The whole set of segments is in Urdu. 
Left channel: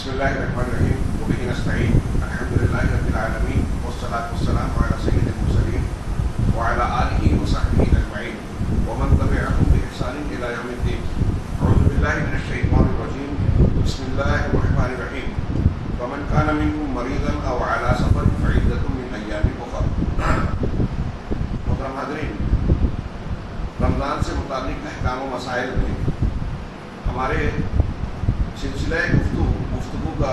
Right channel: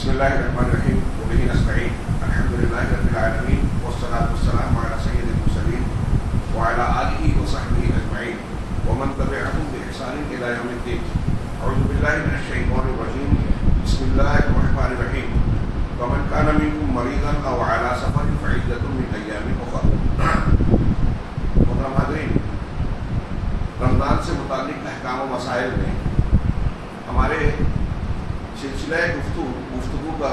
بسم الله الرحمن الرحيم وبه نستعين الحمد لله رب العالمين والصلاة والسلام على سيد المرسلين وعلى آله وصحبه أجمعين ومن تبعهم بإحسان إلى يوم الدين. أعوذ بالله من الشيطان الرجيم. بسم الله الرحمن الرحيم. فمن كان منكم مريضا أو على سفر فعدة من أيام أخرى. محترم حاضرین، رمضان سے متعلق احکام و مسائل میں ہمارے سلسلہ گفتگو کا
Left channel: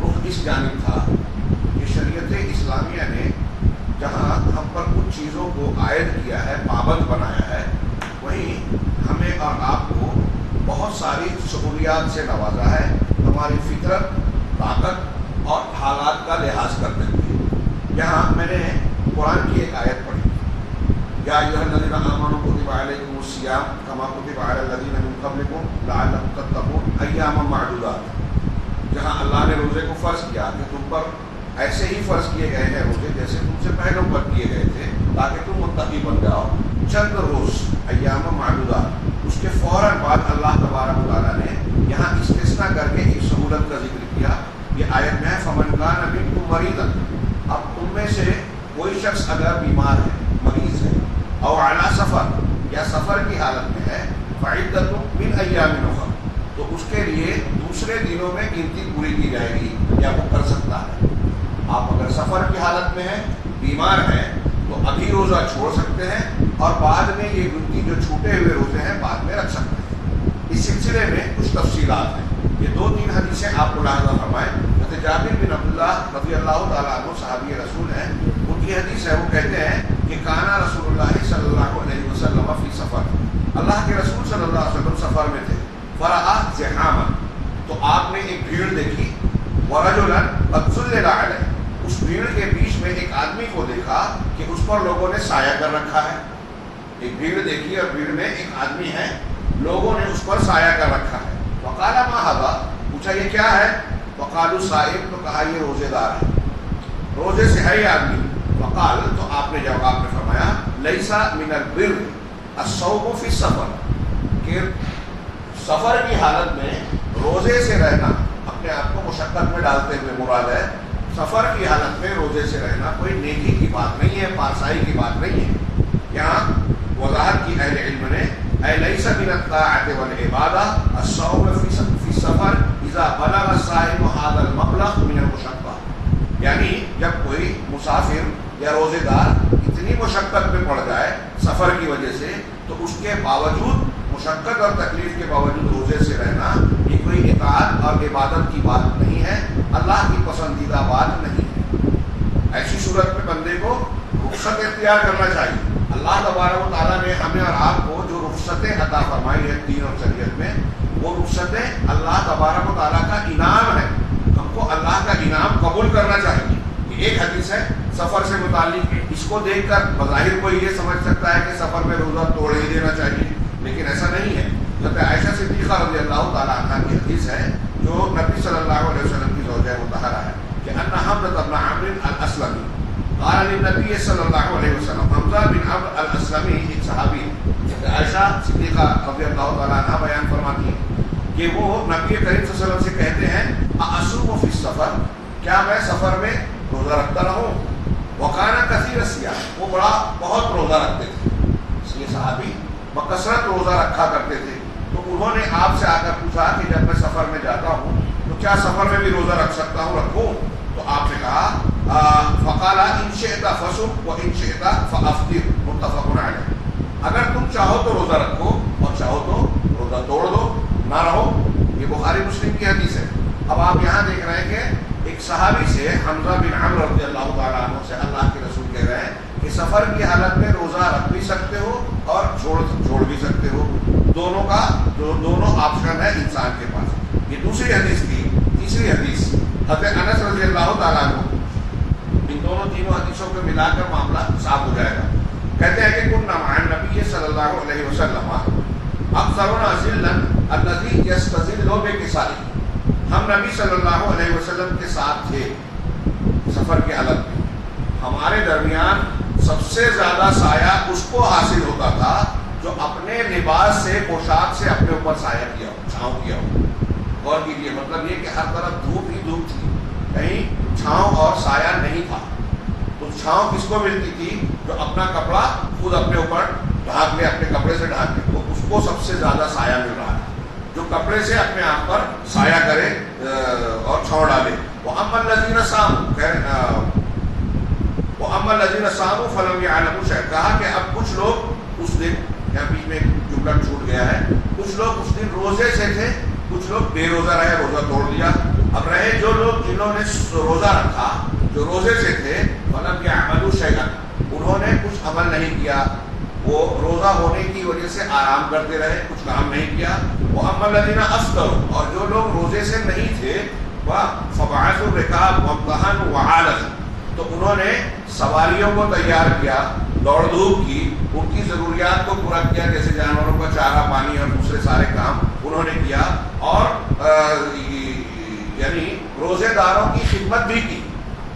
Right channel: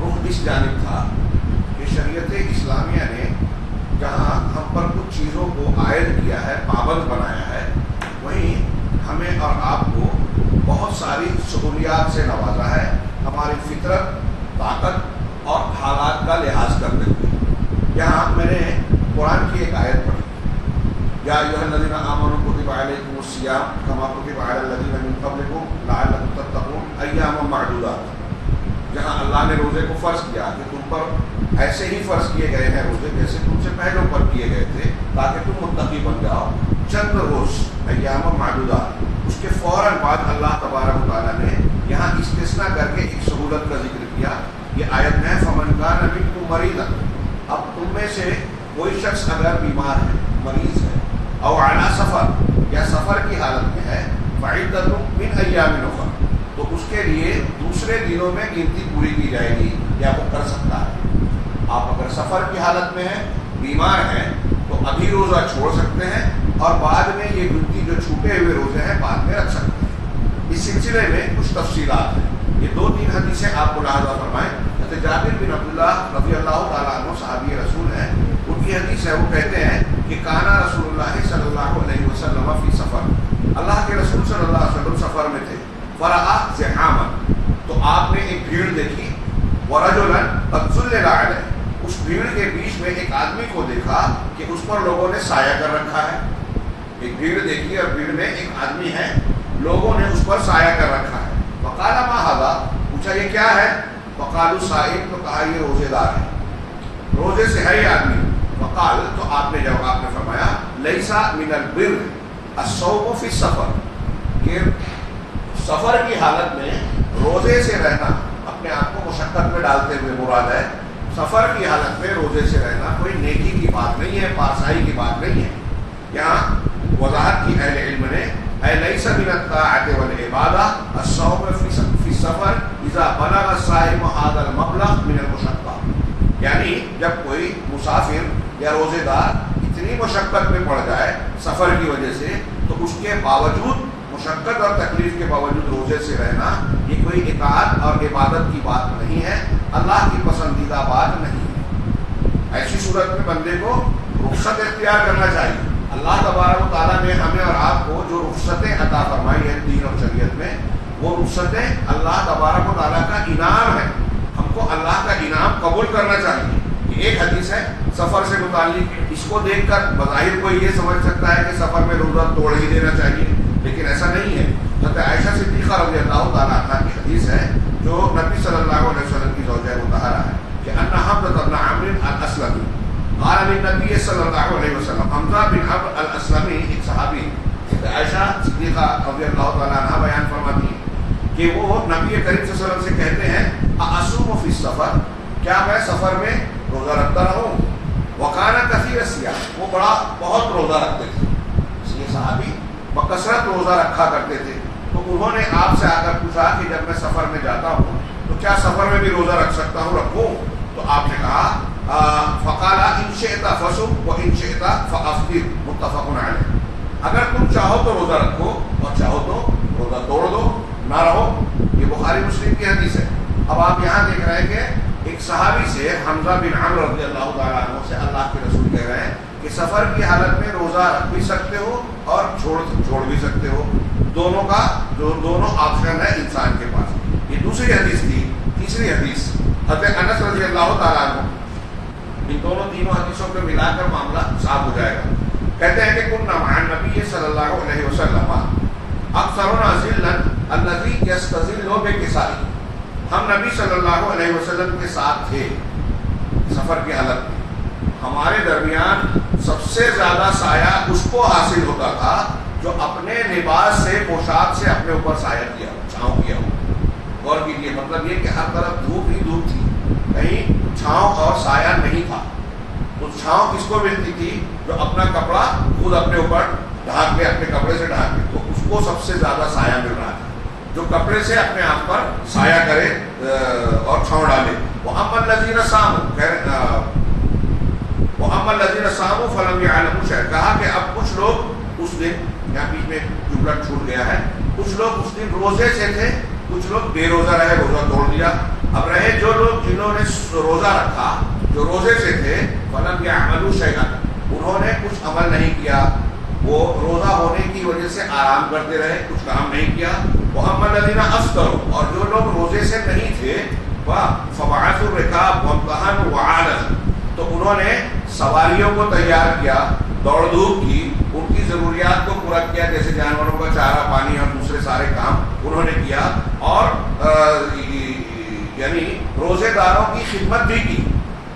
رخ اس جانب تھا کہ شریعت اسلامیہ نے جہاں ہم پر کچھ چیزوں کو عائد کیا ہے، پابند بنایا ہے، وہیں ہمیں اور آپ کو بہت ساری سہولیات سے نوازا ہے، ہماری فطرت، طاقت اور حالات کا لحاظ کرتے ہوئے. یہاں میں نے قرآن کی ایک آیت پڑھی، یا ایھا الذین آمنوا کتب علیکم الصیام کما کتب علی الذین من قبلکم لعلکم تتقون ایاما معدودات. جہاں اللہ نے روزے کو فرض کیا کہ تم پر ایسے ہی فرض کیے گئے ہیں روزے جیسے تم سے پہلوں پر کیے گئے تھے تاکہ تم متقی بن جاؤ. چند روز، ایاما معدودات. اس کے فوراً بعد اللہ تبارک و تعالیٰ نے یہاں استثناء کر کے ایک سہولت کا ذکر کیا. یہ آیت میں ہے فمن کان منکم مریضا. اب تم میں سے کوئی شخص اگر بیمار ہے، مریض ہے، او علی سفر یا سفر کی حالت میں ہے، فعدۃ من ایام اخر، تو اس کے لیے دوسرے دنوں میں گنتی پوری کی جائے گی یا وہ کر سکتا ہے. آپ اگر سفر کی حالت میں ہیں، بیمار ہیں، تو ابھی روزہ چھوڑ سکتے ہیں اور بعد میں یہ گنتی جو چھوٹے ہوئے روزے ہیں بعد میں رکھ سکتے ہیں. اس سلسلے میں کچھ تفصیلات ہیں. یہ 2-3 حدیثیں آپ ملاحظہ فرمائیں. حضرت جابر بن عبداللہ رضی اللہ تعالیٰ عنہ صحابی رسول ہیں، ان کی حدیث ہے، وہ کہتے ہیں کہ کانا رسول اللہ صلی اللہ علیہ وسلم فی سفر. اللہ کے رسول صلی اللہ علیہ وسلم سفر میں تھے. فرآ زحاما، تو آپ نے ایک بھیڑ دیکھی. ورجلا قد ظلل علیہ، اس بھیڑ کے بیچ میں ایک آدمی کو دیکھا کہ اس پر لوگوں نے سایہ کر رکھا ہے. ایک بھیڑ دیکھی اور بھیڑ میں ایک آدمی ہے، لوگوں نے اس پر سایہ کر رکھا ہے. فقال ما ھذا، پوچھا یہ کیا ہے؟ فقالوا صائم، تو کہا یہ روزے دار ہے، روزے سے ہے یہ آدمی. فقال، تو آپ نے جواب میں فرمایا لیسا من البر الصوم فی السفر، کہ سفر کی حالت میں روزے سے رہنا اپنے آپ کو مشقت میں ڈالتے ہوئے مراد ہے. سفر کی حالت میں روزے سے رہنا کوئی نیکی کی بات نہیں ہے، پارسائی کی بات نہیں ہے. یہاں وضاحت کی اہل علم نے اے لیس من الطاعۃ والعبادہ الصوم فی السفر اذا بلغ الصائم هذا المبلغ من المشقہ، یعنی جب کوئی مسافر یا روزے دار اتنی مشقت میں پڑ جائے سفر کی وجہ سے، تو اس کے باوجود، مشقت اور تکلیف کے باوجود روزے سے رہنا یہ کوئی اطاعت اور عبادت کی بات نہیں ہے، اللہ کی پسندیدہ بات نہیں ہے. ایسی صورت میں بندے کو رخصت اختیار کرنا چاہیے. اللہ تبارک و تعالیٰ نے ہمیں اور آپ کو جو رخصتیں عطا فرمائی ہیں دین اور شریعت میں، وہ رخصتیں اللہ تبارک و تعالیٰ کا انعام ہے. ہم کو اللہ کا انعام قبول کرنا چاہیے. یہ ایک حدیث ہے سفر سے متعلق. اس کو دیکھ کر بظاہر کوئی یہ سمجھ سکتا ہے کہ سفر میں روزہ توڑ ہی دینا چاہیے، لیکن ایسا نہیں ہے. حضرت عائشہ صدیقہ رضی اللہ تعالیٰ عنہ کی حدیث ہے جو نبی صلی اللہ علیہ وسلم کی زوجہ مطہرہ ہے کہ ان حمزہ بن عمرو الاسلمی قال للنبی صلی اللہ علیہ وسلم. حمزہ بن عمرو الاسلمی ایک صحابی ہے. عائشہ صدیقہ رضی اللہ تعالیٰ عنہ بیان فرماتی ہیں کہ وہ نبی کریم صلی اللہ علیہ وسلم سے کہتے ہیں اصوم فی السفر، کیا میں سفر میں روزہ رکھتا رہوں؟ وکانا کثیر الصیام، وہ بہت روزہ رکھتے تھے. اس لیے صحابی بکثرت روزہ رکھا کرتے تھے. تو انہوں نے آپ سے آ کر پوچھا کہ جب میں سفر میں جاتا ہوں تو کیا سفر میں بھی روزہ رکھ سکتا ہوں، رکھوں؟ تو آپ نے کہا فقال ان شئت فصم وان شئت فافطر، متفق علیہ. اگر تم چاہو تو روزہ رکھو اور چاہو تو روزہ توڑ دو، نہ رہو. یہ بخاری مسلم کی حدیث ہے. اب آپ یہاں دیکھ رہے ہیں کہ ایک صحابی سے، حمزہ بن عمرو رضی اللہ تعالیٰ عنہ سے اللہ کے رسول کہہ رہے ہیں کہ سفر کی حالت میں روزہ رکھ بھی سکتے ہو اور چھوڑ بھی سکتے ہو. دونوں آپشن ہے انسان کے پاس. یہ دوسری حدیث تھی. تیسری حدیث حضرت انس رضی اللہ تعالیٰ عنہ. ان تینوں حدیثوں کو ملا کر معاملہ صاف ہو جائے گا. کہتے ہیں کہ كنا مع النبي صلی اللہ علیہ وسلم اکثرنا ذلا الذي يستظل بكسائه. ہم نبی صلی اللہ علیہ وسلم کے ساتھ تھے سفر کی حالت میں. ہمارے درمیان سب سے زیادہ سایہ اس کو حاصل ہوتا تھا جو اپنے لباس سے پوشاک سے اپنے اوپر سایہ کیا ہو، چھاؤں کیا ہو. غور کیجیے، مطلب یہ کہ ہر طرف دھوپ ہی دھوپ تھی، کہیں چھاؤں اور سایہ نہیں تھا. تو چھاؤں کس کو ملتی تھی؟ جو اپنا کپڑا خود اپنے اوپر ڈھانک لے، اپنے کپڑے سے ڈھانک لے، تو اس کو سب سے زیادہ سایہ مل رہا تھا، جو کپڑے سے اپنے آپ پر سایہ کرے اور چھاؤں ڈالے. وَأَمَّا الَّذِينَ صَامُوا وَأَمَّا الَّذِينَ صَامُوا فَلَمْ يَعْلَمُوا شَيْئًا. کہا کہ اب کچھ لوگ اس دن، یہاں بیچ میں جملہ چھوٹ گیا ہے، کچھ لوگ اس دن روزے سے تھے، کچھ لوگ بے روزہ رہے، روزہ توڑ دیا. اب رہے جو لوگ جنہوں نے روزہ رکھا، جو روزے سے تھے، فَلَمْ يَعْمَلُوا شَيْئًا، انہوں نے کچھ عمل نہیں کیا، وہ روزہ ہونے کی وجہ سے آرام کرتے رہے، کچھ کام نہیں کیا. وَأَمَّا الَّذِينَ أَفْطَرُوا، اور جو لوگ روزے سے نہیں تھے، فَبَعَثُوا الرِّقَابَ وَامْتَحَنُوا وَعَالَجُوا، تو انہوں نے سواریوں کو تیار کیا، دوڑ دھوپ کی، ان کی ضروریات کو پورا کیا، جیسے جانوروں کا چارہ پانی اور دوسرے سارے کام انہوں نے کیا، اور یعنی روزے داروں کی خدمت بھی کی.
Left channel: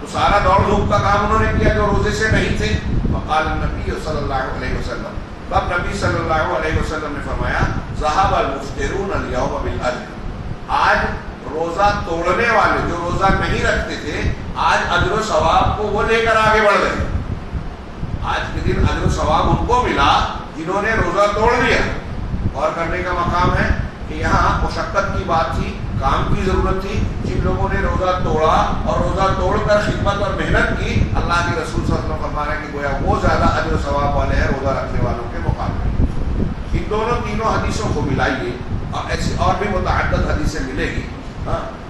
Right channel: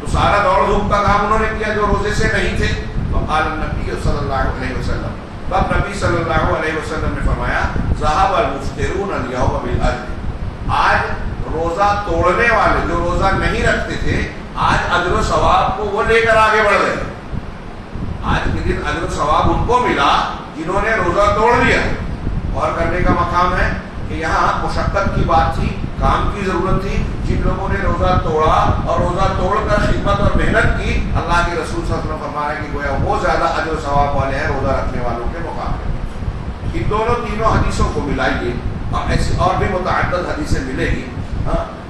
تو سارا دوڑ دھوپ کا کام انہوں نے کیا جو روزے سے نہیں تھے. فقال النبی صلی اللہ علیہ وسلم، تب نبی صلی اللہ علیہ وسلم نے فرمایا، ذهب المفطرون اليوم بالاجر، آج روزہ توڑنے والے جو روزہ نہیں رکھتے تھے، آج اجر و ثواب کو وہ لے کر آگے بڑھ گئے. آج کے دن اجر و ثواب ان کو ملا جنہوں نے روزہ توڑ دیا. اور کرنے کا مقام ہے کہ یہاں مشقت کی بات تھی، کام کی ضرورت تھی. جن لوگوں نے روزہ توڑا اور روزہ توڑ کر خدمت اور محنت کی، اللہ کے رسول صلی اللہ علیہ وسلم فرما رہے ہیں کہ گویا وہ زیادہ اجر و ثواب والے ہیں روزہ رکھنے والوں کے مقابلے. ان دونوں تینوں حدیثوں کو ملائیے، اور ایسی اور بھی متعدد حدیثیں ملے گی.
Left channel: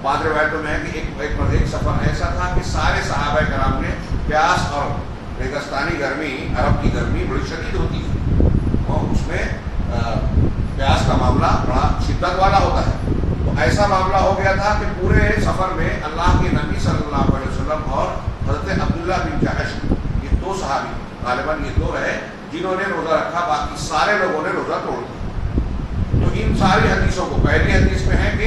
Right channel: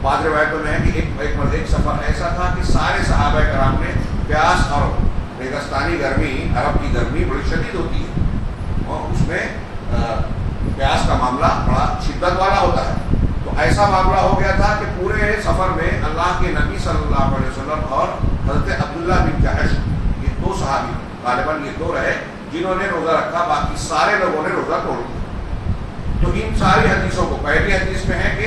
بعض روایتوں میں ہے کہ ایک سفر ایسا تھا کہ سارے صحابہ کرام نے، پیاس اور ریگستانی گرمی، عرب کی گرمی بڑی شدید ہوتی ہے، اور اس میں پیاس کا معاملہ بڑا شدت والا ہوتا ہے. تو ایسا معاملہ ہو گیا تھا کہ پورے سفر میں اللہ کے نبی صلی اللہ علیہ وسلم اور حضرت عبداللہ بن جحش، یہ دو صحابی، غالباً یہ دو رہے جنہوں نے روزہ رکھا، باقی سارے لوگوں نے روزہ توڑ دیا. تو ان ساری حدیثوں کو، پہلی حدیث میں ہے کہ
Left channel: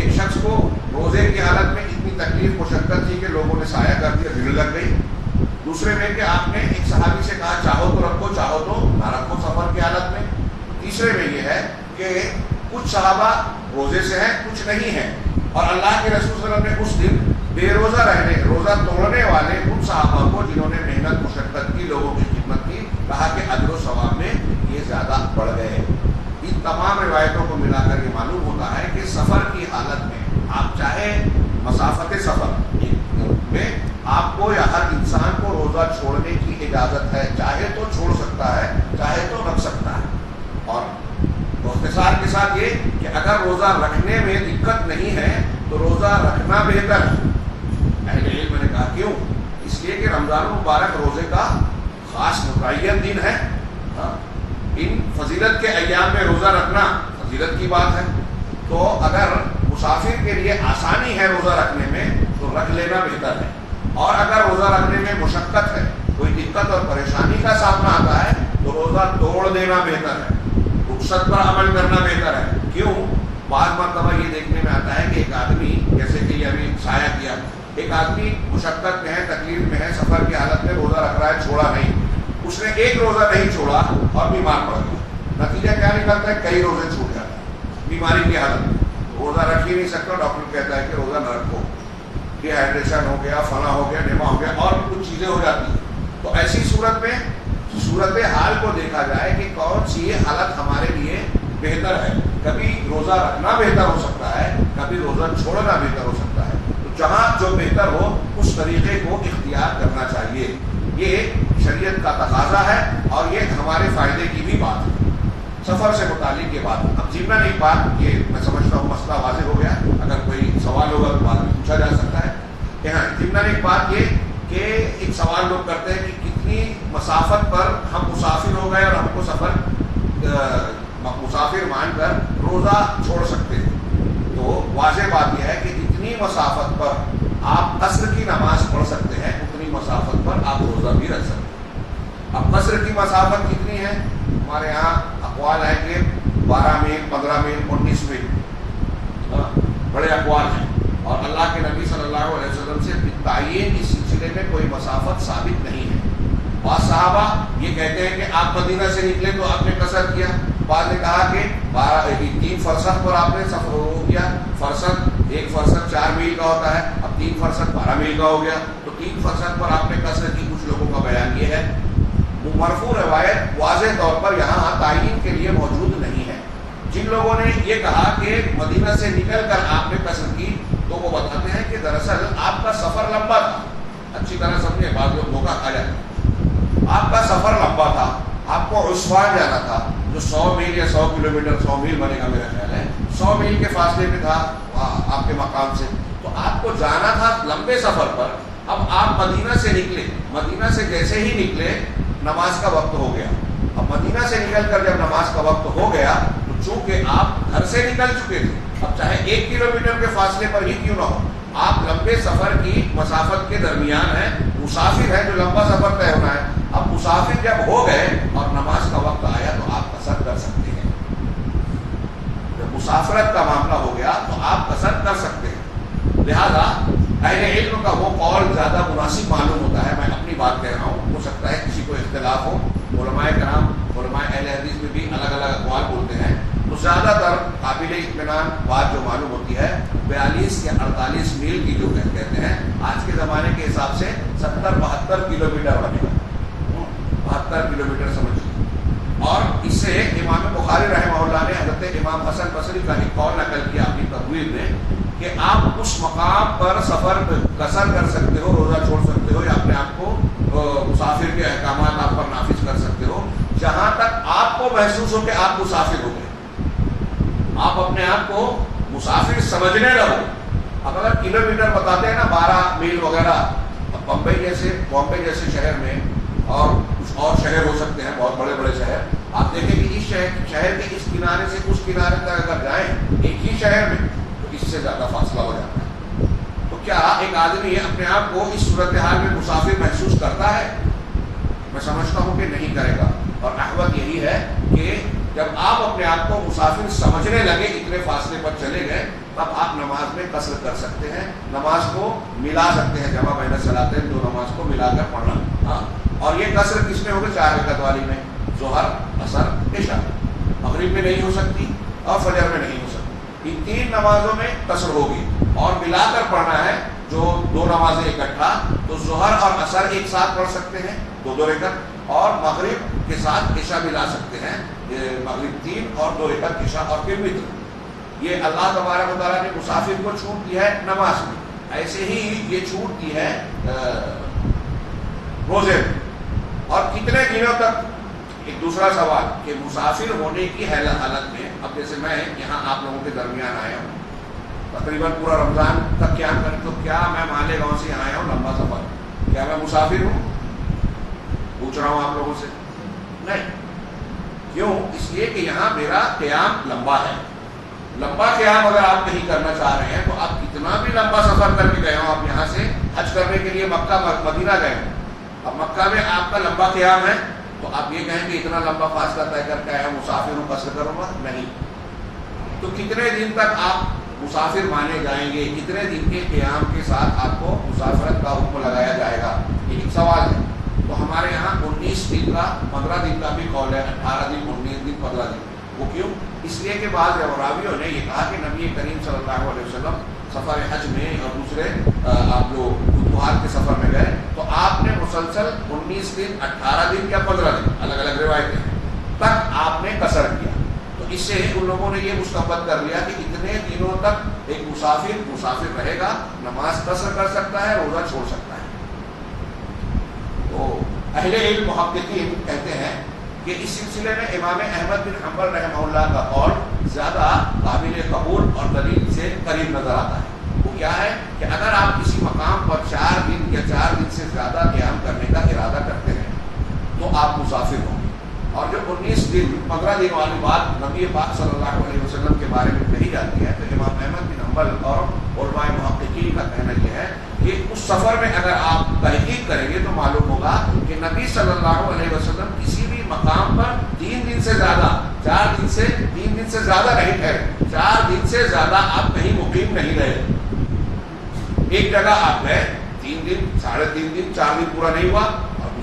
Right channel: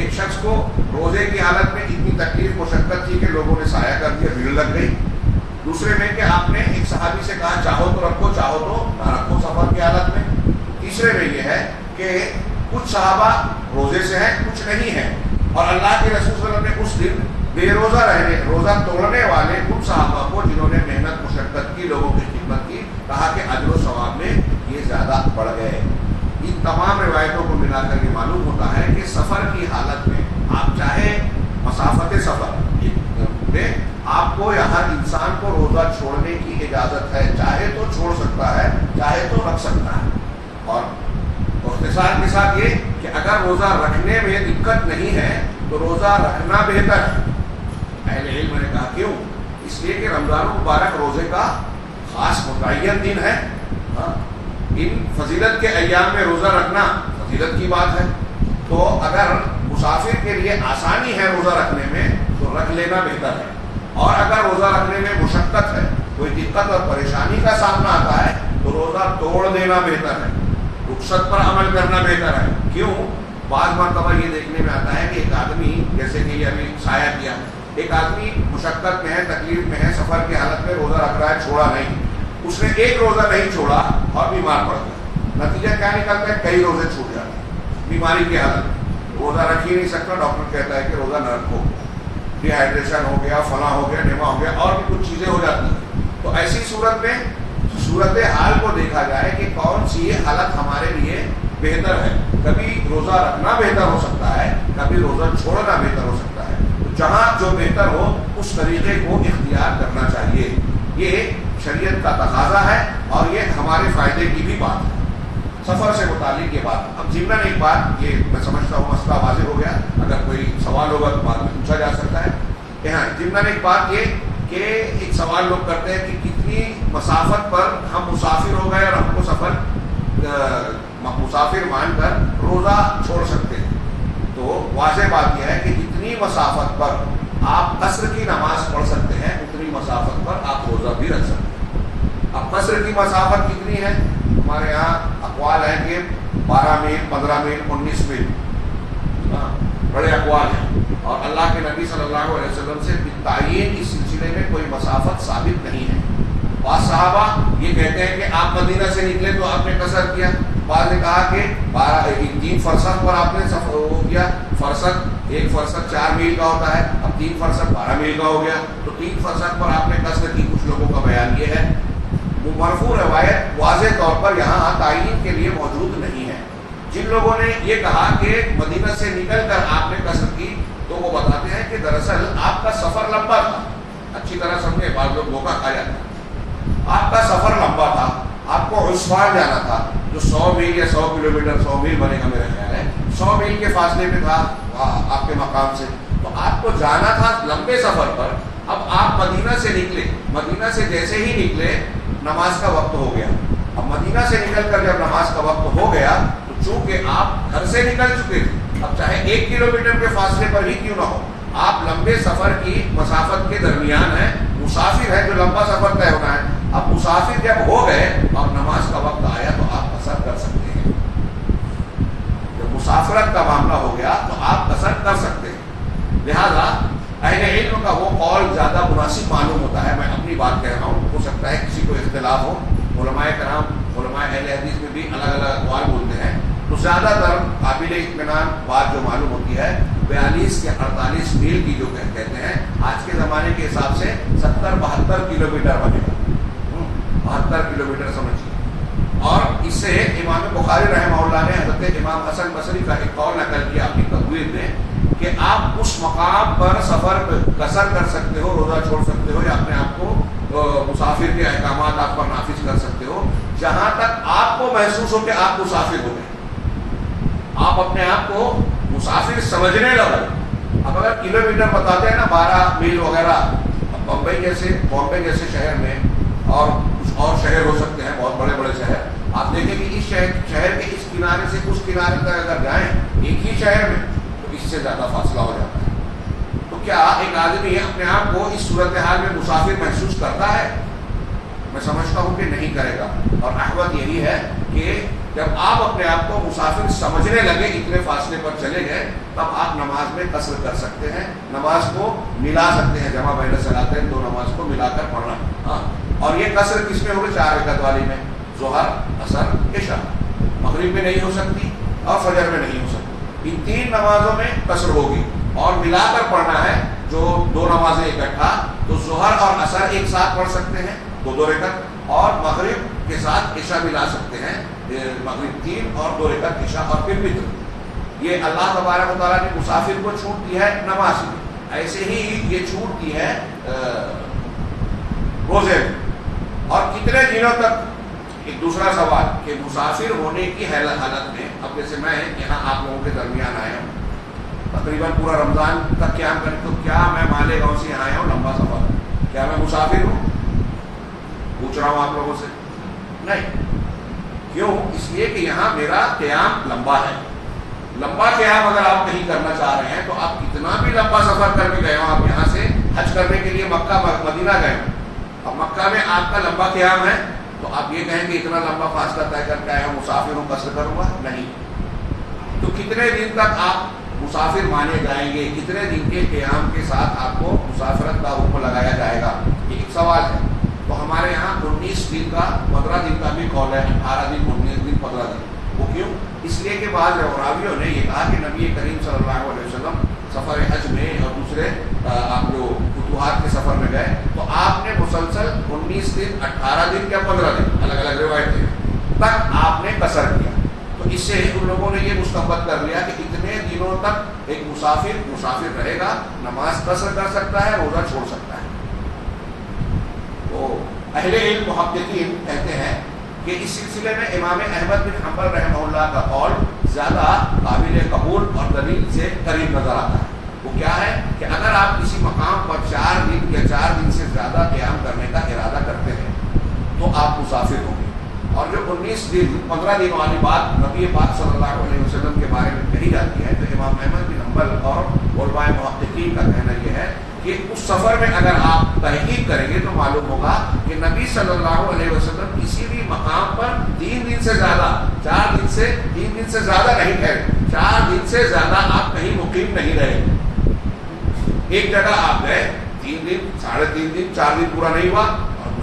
ایک شخص کو روزے کی حالت میں اتنی تکلیف مشقت تھی کہ لوگوں نے سایہ کر دیا، بھیڑ لگ گئی. دوسرے میں کہ آپ نے ایک صحابی سے کہا چاہو تو رکھو، چاہو تو نہ رکھو سفر کی حالت میں. تیسرے میں یہ ہے کہ کچھ صحابہ روزے سے ہیں، کچھ نہیں ہیں، اور اللہ کے رسول صلی اللہ علیہ وسلم نے اس دن بے روزہ رہنے، روزہ توڑنے والے ان صحابہ کو جنہوں نے محنت مشقت کی، لوگوں کی خدمت کی، کہا کہ اجر و ثواب میں یہ زیادہ بڑھ گئے. ان تمام روایتوں کو ملا کر یہ معلوم ہوتا ہے کہ سفر کی حالت میں آپ چاہے مسافت سفر میں آپ کو یا ہر انسان کو روزہ چھوڑنے کی اجازت ہے، چاہے تو چھوڑ سکتا ہے، چاہے تو رکھ سکتا ہے. اور اختصار کے ساتھ یہ کہ اگر روزہ رکھنے میں دقت نہیں ہے تو روزہ رکھنا بہتر ہے. اہل علم نے کہا کیوں؟ اس لیے کہ رمضان مبارک روزے کا خاص متعین دن ہے. ان فضیلت کے ایام میں روزہ رکھنا فضیلت کی بات ہے. تو اگر مسافر کے لیے آسانی ہے روزہ رکھنے میں تو رکھ لینا بہتر ہے، اور اگر روزہ رکھنے میں مشقت ہے، کوئی دقت اور پریشانی کا سامنا آتا ہے تو روزہ توڑ دینا بہتر ہے، رخصت پر عمل کرنا بہتر ہے. کیوں؟ بعض مرتبہ یہ دیکھنے میں آتا ہے کہ ایک آدمی، جیسے کہ یہ ابھی سایہ کیا، ایک آدمی مشقت میں ہے، تکلیف میں ہے، سفر کی حالت میں روزہ رکھ رہا ہے، چھوڑا نہیں، اس نے ایک روزہ نہیں چھوڑا اور بیمار پڑ گیا. نتیجہ کیا نکلتا ہے؟ کئی روزے چھوٹ جاتے ہیں بیماری کی حالت میں. روزہ رکھ ہی نہیں سکتا، ڈاکٹر کہتا ہے کہ روزہ نہ رکھو، ڈی ہائیڈریشن ہو گیا، فلاں ہو گیا، ڈیما ہو گیا، اور بھی کچھ چیزیں ہو جاتی ہیں. تو ایسی صورت میں صورت حال کو دیکھا جائے کہ کون سی حالت ہمارے لیے بہتر ہے. کبھی روزہ رکھنا بہتر ہو سکتا ہے، کبھی روزہ چھوڑنا بہتر ہو سکتا ہے. تو جہاں جو بہتر ہو اس طریقے کو اختیار کرنا چاہیے. یہ شریعت کا تقاضا ہے اور یہ ہمارے فائدے کی بھی بات ہے. سفر سے متعلق یہ بات. اب ضمن ایک بات، یہ میں سمجھتا ہوں مسئلہ واضح ہو گیا، اگر کوئی سوال ہوگا تو بعد میں پوچھا جا سکتا ہے. یہاں ضمن ایک بات یہ کہ ایک سوال لوگ کرتے ہیں کہ کتنی مسافت پر ہم مسافر ہو گئے اور ہم کو سفر مسافر مان کر روزہ چھوڑ سکتے ہیں. تو واضح بات یہ ہے کہ جتنی مسافت پر آپ عصر کی نماز پڑھ سکتے ہیں اتنی مسافت پر آپ روزہ بھی رکھ سکتے ہیں. اب عصر کی مسافت کتنی ہے؟ ہمارے یہاں اقوال ہیں کہ 12 میل، 15 میل، 19 میل، بڑے اقوال ہیں. اور اللہ کے نبی صلی اللہ علیہ وسلم سے تعین اس سلسلے میں کوئی مسافت ثابت نہیں ہے. بعض صحابہ یہ کہتے ہیں کہ آپ مدینہ سے نکلے تو آپ نے قصر کیا، بعض نے کہا کہ 3 فرسخ پر آپ نے سفر کیا، فرسخ 1 فرسخ 4 میل کا ہوتا ہے، اب 3 فرسخ 12 میل کا ہو گیا، تو 3 فرسخ پر آپ نے قصر کی۔ کچھ لوگوں کا بیان یہ ہے۔ مرفوع روایت واضح طور پر یہاں تعین کے لیے موجود نہیں ہے۔ جن لوگوں نے یہ کہا کہ مدینہ سے نکل کر آپ نے قصر کی، تو وہ بتاتے ہیں کہ دراصل آپ کا سفر لمبا تھا۔ اچھی طرح سمجھے، بعض لوگ دھوکہ کھا جاتے ہیں۔ آپ کا سفر لمبا تھا، آپ کو عثمان جانا تھا، جو 100 میل یا 100 کلومیٹر، 100 میل بنے گا میرا خیال ہے، 100 میل کے فاصلے پہ تھا آپ کے مقام سے، تو آپ کو جانا تھا لمبے سفر پر۔ اب آپ مدینہ سے نکلے، مدینہ سے جیسے ہی نکلے نماز کا وقت ہو گیا۔ اب مدینہ سے نکل کر جب نماز کا وقت ہو گیا تو چونکہ آپ گھر سے نکل چکے تھے، اب چاہے 1 کلومیٹر کے فاصلے پر ہی کیوں نہ ہو، آپ لمبے سفر کی مسافت کے درمیان ہیں، مسافر ہے جو لمبا سفر طے ہونا ہے۔ اب مسافر جب ہو گئے اور نماز کا وقت آیا تو آپ قصر کر سکتے ہیں۔ جب مسافرت کا معاملہ ہو گیا تو آپ قصر کر سکتے ہیں۔ لہذا اہل علم کا وہ قول زیادہ مناسب معلوم ہوتا ہے۔ میں اپنی بات کہہ رہا ہوں، ہو سکتا ہے کسی کو اختلاف ہو، علماء کرام، علماء اہل حدیث میں بھی الگ الگ اقوال بولتے ہیں، تو زیادہ تر قابل اطمینان بات جو معلوم ہوتی ہے 42 یا 48 میل کی جو کہتے ہیں، آج کے زمانے کے حساب سے 70-72 کلومیٹر بنے گا، 72 کلومیٹر سمجھیے۔ اور اس سے امام بخاری رحمہ اللہ نے حضرت امام حسن بصری کا ایک قول نقل کیا اپنی تقویر میں کہ آپ اس مقام پر سفر قصر کر سکتے ہو، روزہ چھوڑ سکتے ہو، یا اپنے آپ کو مسافر کے احکامات آپ پر نافذ کر سکتے ہو جہاں تک آپ کو محسوس ہو کہ آپ مسافر ہو گئے، آپ اپنے آپ کو مسافر سمجھنے لگو۔ اب اگر کلومیٹر بتاتے ہیں نا 12 میل وغیرہ، بامبے جیسے شہر میں اور کچھ اور شہر ہو سکتے ہیں، بہت بڑے بڑے شہر، آپ دیکھیں کہ اس شہر کے اس کنارے سے اس کنارے تک اگر جائیں ایک ہی شہر میں تو اس سے زیادہ فاصلہ ہو جاتا ہے۔ تو کیا ایک آدمی اپنے آپ کو اس صورتحال میں مسافر محسوس کرتا ہے؟ میں سمجھتا ہوں کہ نہیں کرے گا، اور احوط یہی ہے کہ جب آپ اپنے آپ کو مسافر سمجھنے لگے، اتنے فاصلے پر چلے گئے، تب آپ نماز میں قصر کر سکتے ہیں، نماز کو ملا سکتے ہیں، جمع بین الصلاتین، 2 نماز کو ملا کر پڑھنا۔ ہاں، اور یہ قصر کس میں ہوگی؟ 4 رکعت والی میں، ظہر، عصر، عشاء۔ مغرب میں نہیں ہو سکتی اور فجر میں نہیں ہو سکتی، ان 3 نمازوں میں قصر ہوگی، اور ملا کر پڑھنا ہے جو 2 نمازیں اکٹھا، تو ظہر اور عصر ایک ساتھ پڑھ سکتے ہیں 2 رکعت، اور مغرب کے ساتھ عشاء ملا سکتے ہیں، مغرب 3 اور 2 رکعت عشاء، اور پھر وتر۔ یہ اللہ تبارک و تعالیٰ نے مسافر کو چھوٹ دی ہے نماز میں، ایسے ہی یہ چھوٹ دی ہے روزے میں۔ اور کتنے دنوں تک؟ ایک دوسرا سوال کہ مسافر ہونے کی حالت میں، اب جیسے میں یہاں آپ لوگوں کے درمیان آیا ہوں، تقریباً پورا رمضان تک قیام کریں، تو کیا میں مالیگاؤں سے یہاں آیا ہوں لمبا سفر، کیا میں مسافر ہوں؟ پوچھ رہا ہوں آپ لوگوں سے، نہیں۔ کیوں؟ اس لیے کہ یہاں میرا قیام لمبا ہے۔ لمبا قیام اگر آپ کہیں کرنا چاہ رہے ہیں تو آپ کتنا بھی لمبا سفر کر کے گئے ہو، آپ یہاں سے حج کرنے کے لیے مکہ مدینہ گئے ہو، اب مکہ میں آپ کا لمبا قیام ہے، تو آپ یہ کہیں کہ اتنا لمبا فاصلہ طے کر کے آیا ہوں، مسافر ہوں، قصر کروں گا؟ نہیں۔ تو کتنے دن تک آپ مسافر مانے جائیں گے؟ کتنے دن کے قیام کے ساتھ آپ کو مسافرت کا حکم لگایا جائے گا؟ یہ ایک سوال ہے۔ تو ہمارے یہاں 19 دن کا، 15 دن کا بھی قول ہے، 18 دن، 19 دن، 15 دن۔ وہ کیوں؟ اس لیے کہ بعض راویوں نے یہ کہا کہ نبی کریم صلی اللہ علیہ وسلم سفر حج میں اور دوسرے آپ جو فتوحات کے سفر میں گئے تو آپ نے مسلسل 19 دن، 18 دن یا 15 دن، الگ الگ روایتیں تک آپ نے قصر کیا۔ تو اس سے ان لوگوں نے یہ مستنبط کر لیا کہ اتنے دنوں تک ایک مسافر رہے گا، نماز قصر کر سکتا ہے، روزہ چھوڑ سکتا ہے۔ تو اہل علم محققین کہتے ہیں کہ اس سلسلے میں امام احمد بن حنبل رحمہ اللہ کا قول زیادہ قابل قبول اور دلیل سے قریب نظر آتا ہے۔ وہ کیا ہے کہ اگر آپ کسی مقام پر 4 دن یا 4 دن سے زیادہ قیام کرنے کا ارادہ کرتے ہیں تو آپ مسافر ہوں گے۔ اور جو 19 دن 15 دن والی بات نبی پاک صلی اللہ علیہ وسلم کے بارے میں کہی جاتی ہے، تو امام احمد بن حنبل اور علماء محققین کا کہنا یہ ہے کہ اس سفر میں اگر آپ تحقیق کریں گے تو معلوم ہوگا کہ نبی صلی اللہ علیہ وسلم کسی بھی مقام پر 3 دن سے زیادہ، 3 دن سے زیادہ نہیں ٹھہرے، 4 دن سے زیادہ آپ کہیں مقیم نہیں رہے۔ ایک جگہ آپ گئے 3 دن، 3.5 دن، 4 دن پورا نہیں ہوا، اور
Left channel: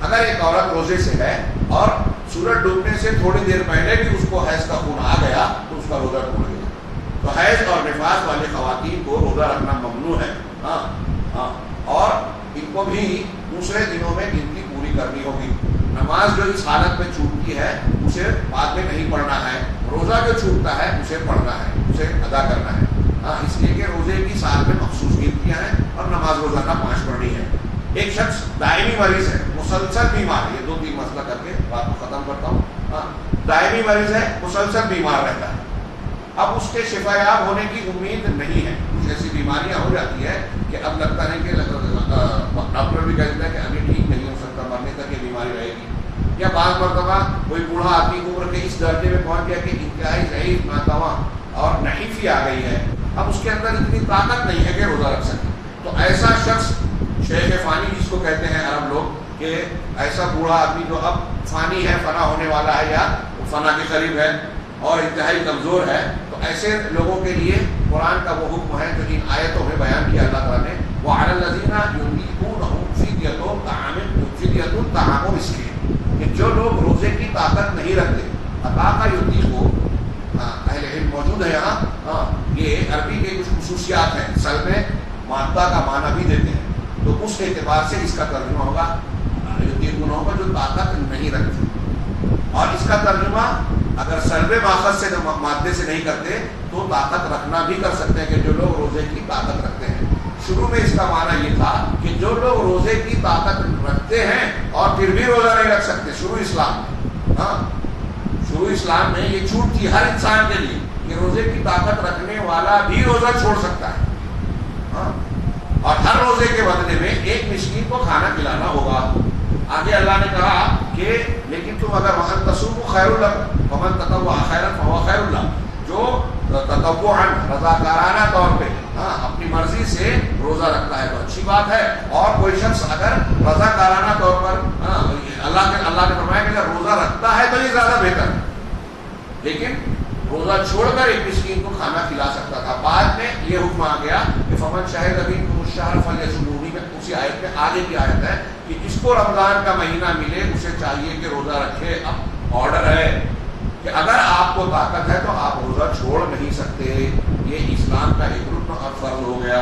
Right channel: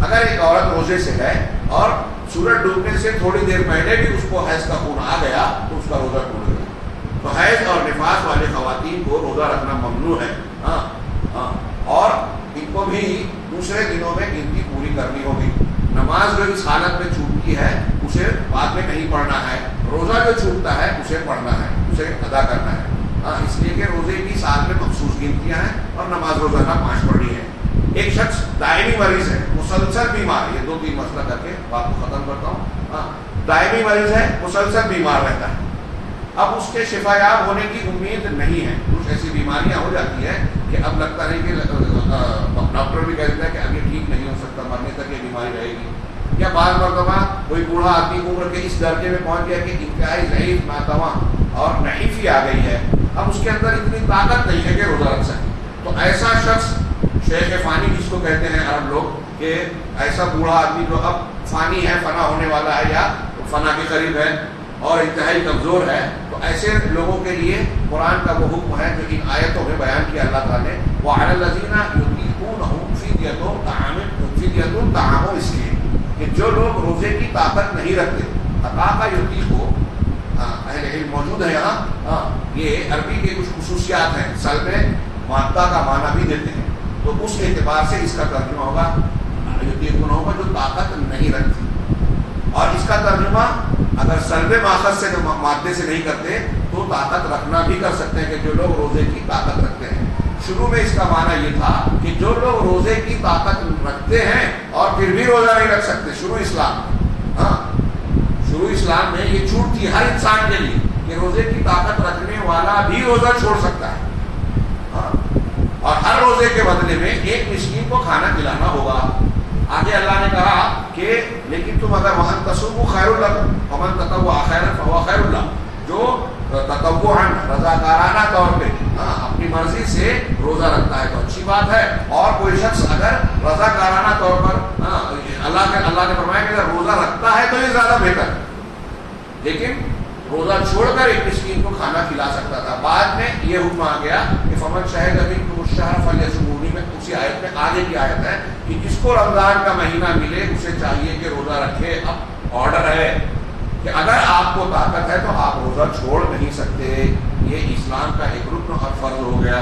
اگر ایک عورت روزے سے ہے اور سورج ڈوبنے سے تھوڑی دیر پہلے بھی اس کو حیض کا خون آ گیا تو اس کا روزہ ٹوٹ گیا. تو حیض اور نفاس والے خواتین کو روزہ رکھنا ممنوع ہے. اور ان کو بھی دوسرے دنوں میں گنتی پوری کرنی ہوگی. نماز جو اس حالت میں چھوٹتی ہے اسے بعد میں نہیں پڑھنا ہے. روزہ جو چھوٹتا ہے اسے پڑھنا ہے, اسے ادا کرنا ہے. اس لیے کہ روزے کی سال میں مخصوص گنتیاں ہیں اور نماز روزانہ 5 پڑھنی ہے. ایک شخص دائمی مریض ہے, مسلسل بیمار, یہ 2-3 مسئلہ کر کے بات کو ختم کرتا ہوں. دائمی مریض ہے, مسلسل بیمار رہتا ہے. اب اس کے شفا یاب ہونے کی امید نہیں ہے. کچھ ایسی بیماریاں ہو جاتی ہے کہ اب لگتا ہے کہ ڈاکٹر بھی کہہ دیتا ہے کہ اب یہ ٹھیک نہیں ہو سکتا, مرنے تک یہ بیماری رہے گی. یا بعض مرتبہ کوئی بوڑھا آدمی عمر کے اس درجے میں پہنچ گیا کہ انتہائی ضعیف, ناتواں اور نحیفی آ گئی ہے, اب اس کے اندر اتنی طاقت نہیں ہے کہ روزہ رکھ سکے. تو ایسا شخص شیخ فانی جس کو کہتے ہیں عرب لوگ, کہ ایسا بوڑھا آدمی جو اب فانی ہے, فنا ہونے والا ہے یا فنا کے قریب ہے اور انتہائی کمزور ہے, تو ایسے لوگوں کے لیے قرآن کا وہ حکم ہے جو ان آیتوں میں بیان کیا اللہ تعالیٰ نے. وَعَلَى الَّذِينَ يُطِيقُونَهُ فِدْيَةٌ طَعَامُ مِسْكِينٍ, کہ جو لوگ روزے کی طاقت نہیں رکھتے. عطا یطیقو اہل علم موجود ہے یہاں, یہ عربی کے کچھ خصوصیات ہیں, سلب مادہ کا معنی بھی دیتے ہیں, تو اس اعتبار سے اس کا ترجمہ ہوگا یطیقون ہوگا جو طاقت نہیں رکھتے. اور اس کا ترجمہ اگر سلب ماخذ سے مادے سے نہیں کرتے تو طاقت رکھنا بھی کر سکتے ہیں, کہ جو لوگ روزے کی طاقت رکھتے ہیں. شروع میں اس کا معنی یہ تھا کہ جو لوگ روزے کی طاقت رکھتے ہیں اور پھر بھی روزہ نہیں رکھ سکتے. شروع اسلام میں یہ چھوٹ تھی ہر انسان کے لیے کہ روزے کی طاقت رکھنے والا بھی روزہ چھوڑ سکتا ہے. اور ہر روزے کے بدلے میں ایک مسکین کو کھانا کھلانا ہوگا. آگے اللہ نے کہا کہ لیکن تم اگر وَأَن تَصُومُوا خَيْرٌ لَكُمْ وَمَن تَطَوَّعَ خَيْرًا فَهُوَ خَيْرٌ لَهُ, جو تطوعاً رضاکارانہ طور پہ اپنی مرضی سے روزہ رکھتا ہے تو اچھی بات ہے. اور کوئی شخص اگر رضاکارانہ طور پر اللہ نے فرمایا کہ اگر روزہ رکھتا ہے تو یہ زیادہ بہتر ہے, لیکن روزہ چھوڑ کر ایک مسکین کو کھانا کھلا سکتا تھا. بعد میں یہ حکم آ گیا کہ فمن شہد منکم الشہر فلیصمہ, میں اسی آیت میں آگے کی آیت ہے کہ جس کو رمضان کا مہینہ ملے اسے چاہیے کہ روزہ رکھے. اب آرڈر ہے کہ اگر آپ کو طاقت ہے تو آپ روزہ چھوڑ نہیں سکتے. یہ اسلام کا ایک رکن اور فرض ہو گیا.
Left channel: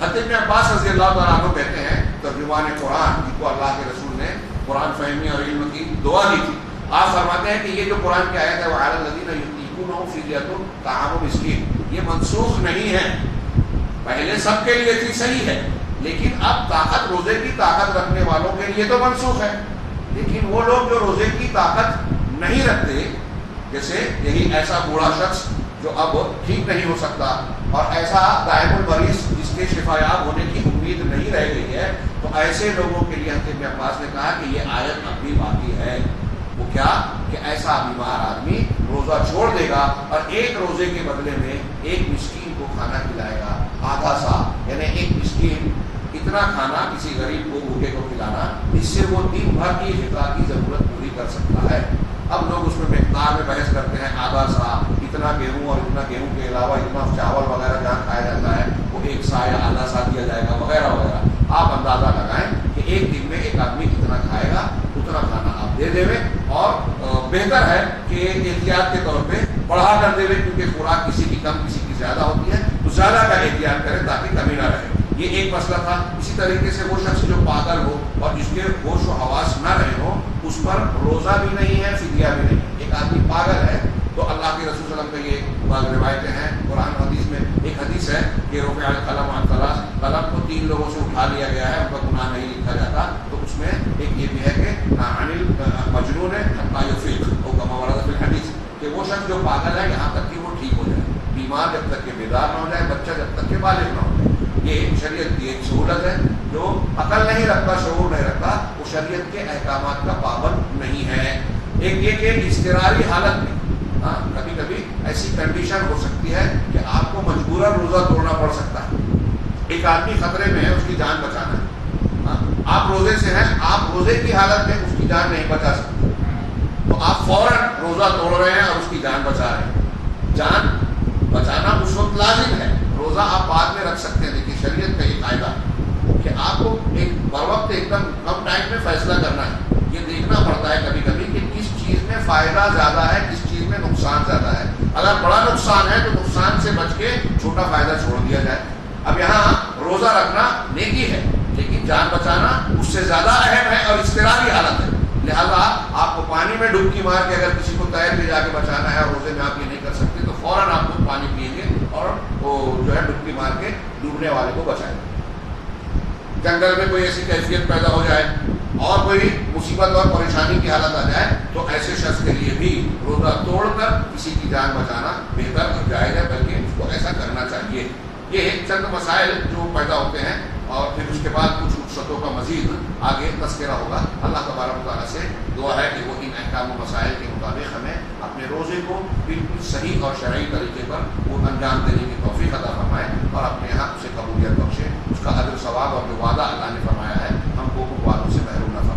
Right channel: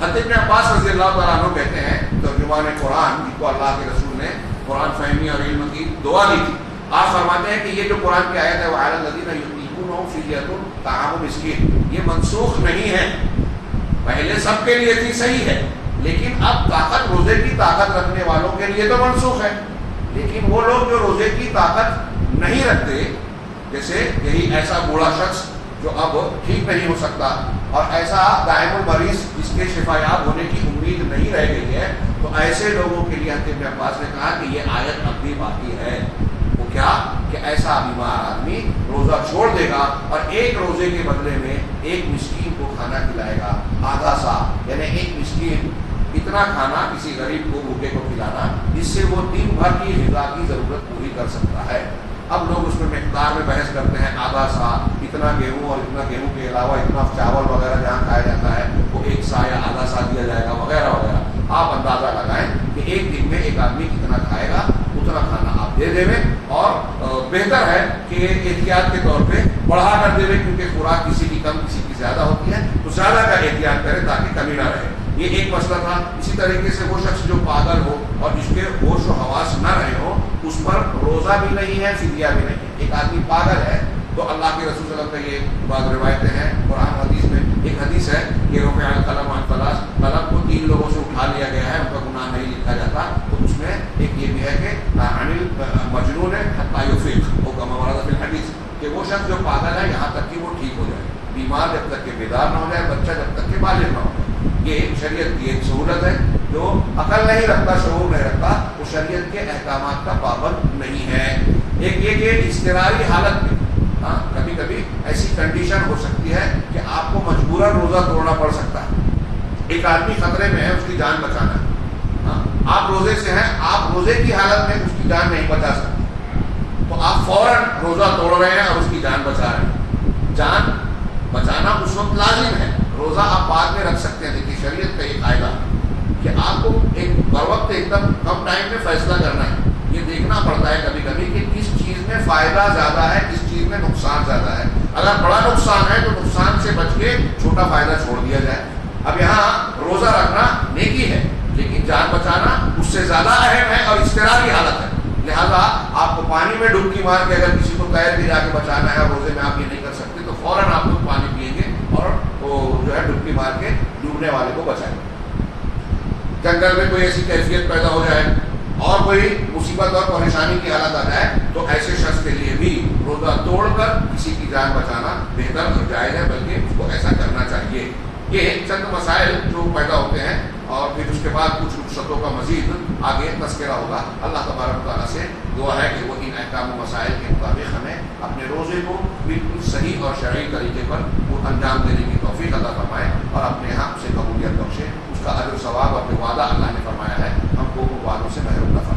حضرت ابن عباس رضی اللہ تعالیٰ عنہ کہتے ہیں, ترجمان قرآن جن کو اللہ کے رسول نے قرآن فہمی اور علم کی دعا دی تھی, آپ فرماتے ہیں کہ یہ جو قرآن کی آیت ہے وَعَلَى الَّذِينَ يُطِيقُونَهُ فِدْيَةٌ طَعَامُ مِسْكِينٍ, یہ منسوخ نہیں ہے. پہلے سب کے لیے تھی, صحیح ہے, لیکن اب طاقت روزے کی طاقت رکھنے والوں کے لیے تو منسوخ ہے. لیکن وہ لوگ جو روزے کی طاقت نہیں رکھتے, جیسے یہی ایسا بوڑھا شخص جو اب ٹھیک نہیں ہو سکتا اور ایسا دائم المریض جس کے شفا یاب ہونے کی امید نہیں رہ گئی ہے, تو ایسے لوگوں کے لیے حضرت ابن عباس نے کہا کہ یہ آیت اب بھی باقی ہے. وہ کیا کہ ایسا بیمار آدمی روزہ چھوڑ دے گا اور ایک روزے کے بدلے میں ایک مسکین کو کھانا کھلائے گا. آدھا سا یعنی ایک مسکین اتنا کھانا کسی غریب کو, بھوکے کو کھلانا, اس سے وہ دن بھر کی غذا کی ضرورت پوری کر سکتا ہے. اب لوگ اس میں مقدار میں بحث کرتے ہیں, آدھا سا, اتنا گیہوں, اور اتنا گیہوں کے علاوہ اتنا چاول وغیرہ جہاں کھایا جاتا ہے وہ ایک سا یا آدھا سا دیا جائے گا وغیرہ وغیرہ. آپ اندازہ لگائیں کہ ایک دن میں ایک آدمی کتنا کھائے گا, اتنا کھانا آپ دے دیں. اور بہتر ہے کہ احتیاط کے طور پہ بڑھا کر دے, کیونکہ خوراک کسی کی کم کسی کی زیادہ ہوتی ہے, تو زیادہ کا احتیاط کریں تاکہ کمی نہ رہے. یہ ایک مسئلہ تھا. اسی طریقے سے وہ شخص جو پاگل ہو اور جس کے ہوش و حواس نہ رہے ہو, اس پر روزہ بھی نہیں ہے, فدیہ بھی نہیں. ایک آدمی پاگل ہے تو اللہ کے رسول صلی اللہ علیہ وسلم کا یہ بعض روایتیں ہیں قرآن حدیث میں. ایک حدیث ہے کہ رفع القلم عن ثلاث, قلم کو 3 لوگوں سے اٹھا لیا گیا ہے, ان کا گناہ نہیں لکھا جاتا. تو اس میں ایک یہ بھی ہے کہ عن المجنون حتى يفيق, او كما ورد في الحديث, کہ وہ شخص جو پاگل ہے یہاں تک کہ وہ ٹھیک ہو جائے. بیمار جب تک کہ بیدار نہ ہو جائے, بچہ جب تک کہ بالغ نہ ہو جائے. یہ شریعت کی ایک سہولت ہے. جو عقل نہیں رکھتا, شعور نہیں رکھتا, وہ شریعت کے احکامات کا پابند نہیں ہے. ایک یہ کہ اضطراری حالت میں کبھی کبھی ایسی کنڈیشن ہو سکتی ہے کہ آپ کو مجبوراً روزہ توڑنا پڑ سکتا ہے. ایک آدمی خطرے میں ہے, اس کی جان بچانا ہے, آپ روزے سے ہیں, آپ روزے کی حالت میں اس کی جان نہیں بچا سکتے, تو آپ فوراً روزہ توڑ رہے ہیں اور اس کی جان بچا رہے ہیں. جان بچانا اس وقت لازم ہے, روزہ آپ بعد میں رکھ سکتے ہیں. دیکھیے شریعت کا یہ قاعدہ کہ آپ کو ایک بر وقت ایک دم کم ٹائم میں فیصلہ کرنا ہے. یہ دیکھنا پڑتا ہے کبھی کبھی کہ کس چیز میں فائدہ زیادہ ہے، کس چیز میں نقصان زیادہ ہے. اگر بڑا نقصان ہے تو نقصان سے بچ کے چھوٹا فائدہ چھوڑ دیا جائے. اب یہاں روزہ رکھنا نیکی ہے لیکن جان بچانا اس سے زیادہ اہم ہے اور اضطراری حالت ہے. لہذا آپ کو پانی میں ڈبکی مار کے اگر کسی کو تیر کے جا کے بچانا ہے اور روزے میں آپ یہ نہیں کر سکتے تو فوراً آپ لوگ پانی پئیں گے اور وہ جو ہے ڈبکی مار کے ڈوبنے والے کو بچائیں گے. جنگل میں کوئی ایسی کیفیت پیدا ہو جائے اور کوئی مصیبت اور پریشانی کی حالت آ جائے تو ایسے شخص کے لیے بھی روزہ توڑ کر کسی کی جان بچانا بہتر اور جائز ہے، بلکہ اس کو ایسا کرنا چاہیے. یہ چند مسائل جو پیدا ہوتے ہیں اور پھر اس کے بعد کچھ رخصتوں کا مزید آگے تذکرہ ہوگا. اللہ تبارک تعالیٰ سے دعا ہے کہ وہ ان احکام و مسائل کے مطابق ہمیں اپنے روزے کو بالکل صحیح اور شرعی طریقے پر وہ انجام دینے کی توفیق عطا فرمائے اور اپنے یہاں سے قبولیت بخشے. اس کا اجر و ثواب اور جو وعدہ اللہ نے فرمایا ہے ہم کو ان وعدوں سے محروم نہ فرمائے.